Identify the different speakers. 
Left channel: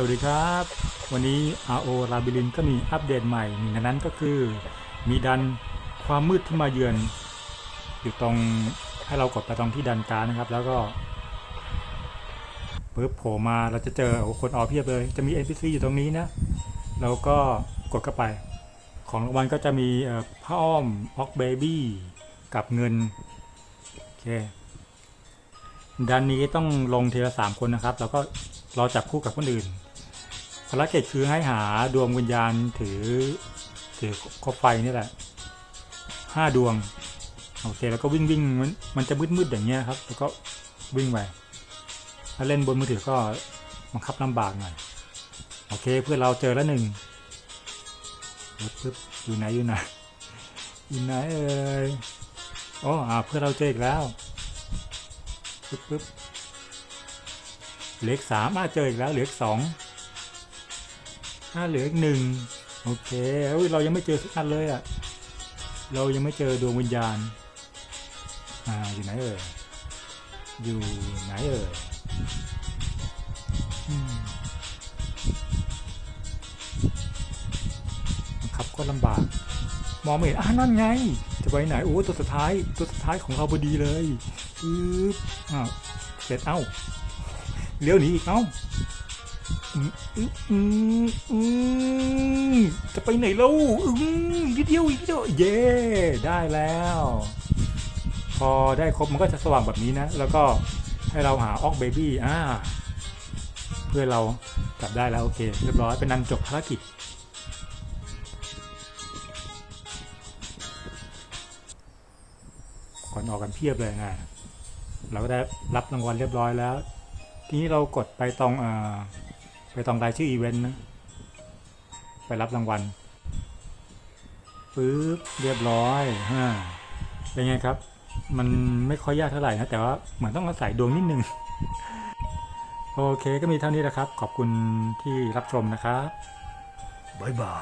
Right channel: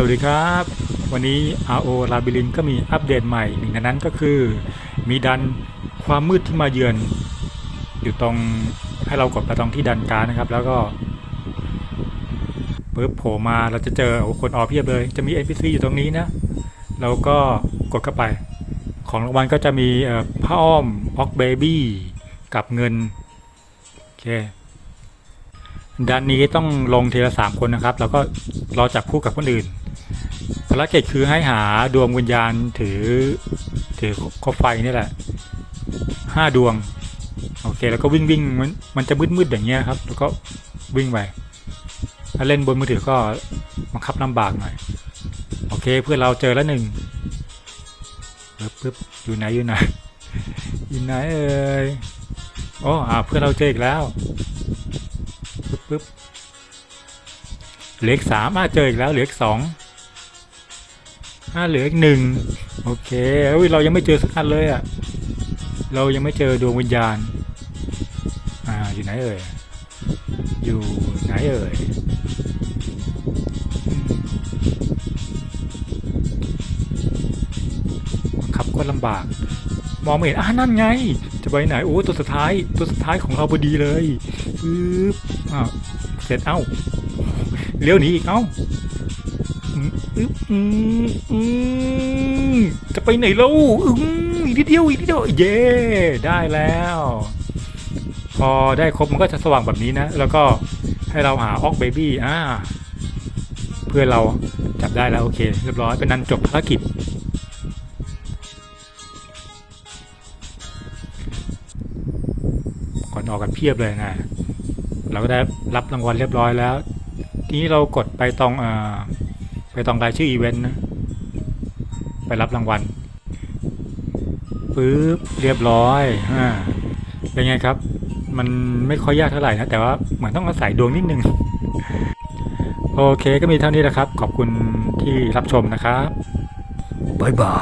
Speaker 1: สวัสดีครับ วันนี้ RO ลาบิลินก็มีอัปเดตใหม่หนึ่งในนั้นก็คือ มีดันความมืดที่มาเยือน อยู่ตรงให้เรากดไปตรงที่ดันการนะครับ แล้วก็ปึ๊บโผล่มาเราจะเจอโอ้คนออเพียบเลย จะมี NPC อยู่ตรงนี้นะเราก็กดเข้าไป ของรางวัลก็จะมีผ้าอ้อมออกเบบี้กับเงิน โอเคด้านนี้ต้องลงทีละสามคนนะครับ แล้วก็รอจับคู่กับคนอื่น ภารกิจคือให้หาดวงวิญญาณถือถือคบไฟนี่แหละห้าดวงโอเคแล้วก็วิ่งวิ่งมันมันจะมืดมืดๆอย่างเงี้ยครับ แล้วก็วิ่งไปถ้าเล่นบนมือถือก็บังคับลำบากหน่อยโอเคเพื่อนเราเจอแล้วหนึ่งปึ๊บปึ๊บอยู่ไหนอยู่ไหนอยู่ไหนเอ่ยโอ้อ่าเพื่อนเราเจออีกแล้วปึ๊บปึ๊บเหลือสามอะเจออีกแล้วเหลือสอง อะเหลืออีกหนึ่งโอเคเอ้ยเรายังไม่เจอสักอันเลยอะเรายังไม่เจอดวงวิญญาณอ่าอยู่ไหนเอ่ยอยู่ไหนเอ่ยอืมบับก็ลำบาก มองไม่เห็นอ่านั่นไง จะไปไหนโอ้ตัวสุดท้ายตัวสุดท้ายของเราพอดีเลยปึ๊บอ้าวเสร็จเอ้าเลี้ยวหนีอีกเอ้า จะไปไหนแล้วอืมอีกนิดเดียวอีกนิดเดียวเย้ได้แล้ว พอได้ครบมันก็จะสว่างแบบนี้นะ แล้วก็ให้เราหาออกเบบี้อ่าเพื่อเราจับได้แล้ว โอเค เรียบร้อยเป็นนั้นจบภารกิจ ก่อนออกกันเพียบเลยนะเราก็ได้รับรางวัลเรียบร้อยแล้ว ทีนี้เรากดไปตรงอ่อ ไปตองรายชื่ออีเวนต์นะ ไปรับรางวัลปึ๊บเรียบร้อยอ่าเป็นไงครับ มันไม่ค่อยยากเท่าไหร่นะ แต่ว่าเหมือนต้องอาศัยดวงนิดนึง โอเคก็มีเท่านี้แหละครับ ขอบคุณที่รับชมนะครับ
Speaker 2: บ๊ายบาย